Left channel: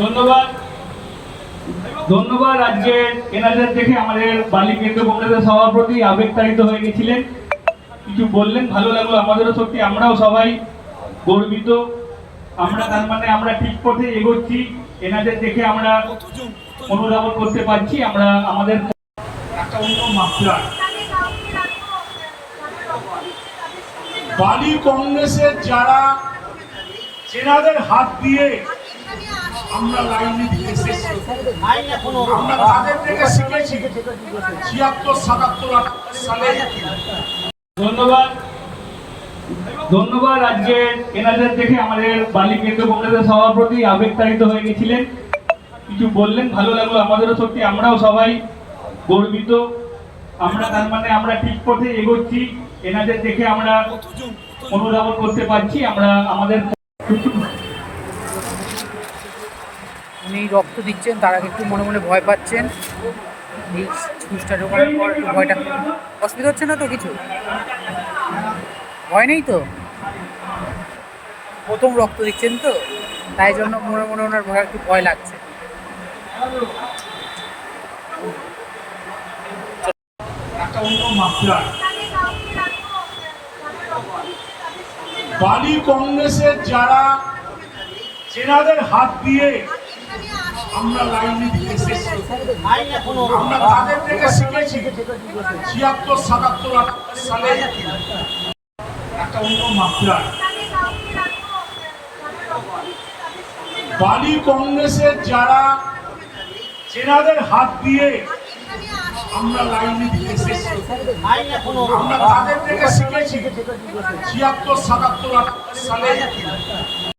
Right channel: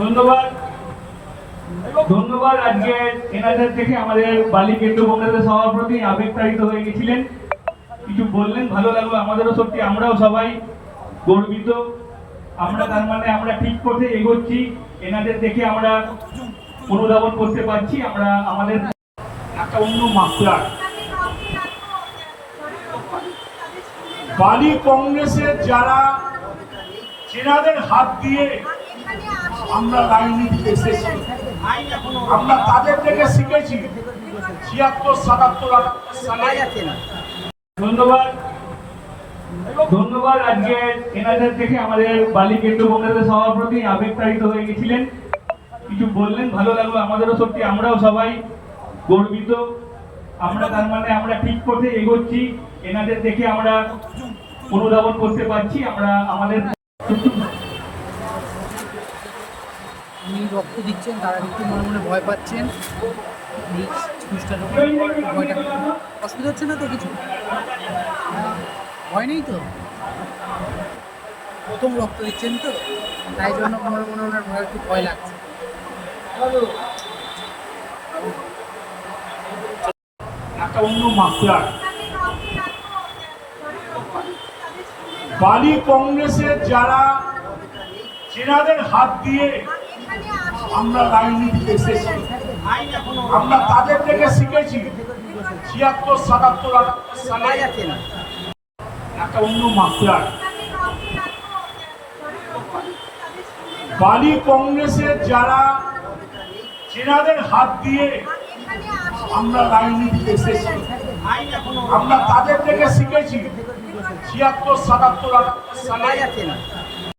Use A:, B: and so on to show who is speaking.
A: ধন্যবাদ। ধন্যবাদ আজকে এনাদের দেখে আমাদের বালি কেন্দ্র কংগ্রেসের সভাপতি আবেগতাড়িত হয়ে গেছিলেন। কিছু বললেন, ভালো লাগল আমাদেরও সত্যি, আমরাও সবাই গর্বিত। আমরা তার মানে আমরা ঠিক পথে এগোচ্ছি, এনাদের দেখে আমরা অনুধাবন করতে পারছি, আমরা আমাদের একটা অন্য মাত্রা।
B: বালি কংগ্রেসের যারা চেনাদের হাত দিয়ে আমরা রাজনীতি এসেছি। আমরা তাদের থেকে শিখেছি ছিয়াত্তর, সাতাত্তর
A: ধন্যবাদ। ধন্যবাদ আজকে এনাদের দেখে আমাদের বালি কেন্দ্র কংগ্রেসের সভাপতি আবেগতাড়িত হয়ে গেছিলেন। কিছু বললেন, ভালো লাগল আমাদেরও সত্যি, আমরাও সবাই গর্বিত। আমরা তার মানে আমরা ঠিক পথে এগোচ্ছি, এনাদের দেখে আমরা অনুধাবন করতে পারছি, আমরা আমাদের
C: উনি রক্ত দিচ্ছেন, তারা একটু মনে মনে ভয় পাচ্ছেন। এই ঘুষটা ঢোকানোর পর ভয়টা। অসুবিধা হচ্ছে না তো কিছু? ভয় নেই তো? প্রথম রক্ত দিচ্ছেন তো, তাই জন্য মনে মনে ওনার ভয়, একটু ভয় লাগছে।
B: বালি কংগ্রেসের যারা চেনাদের হাত দিয়ে আমরা রাজনীতি এসেছি। আমরা তাদের থেকে শিখেছি। ছিয়াত্তর, সাতাত্তর একটা অন্য মাত্রা। বালি কংগ্রেসের যারা চেনাদের হাত দিয়ে আমরা রাজনীতি এসেছি। আমরা তাদের থেকে শিখেছি। ছিয়াত্তর, সাতাত্তর, আটাত্তর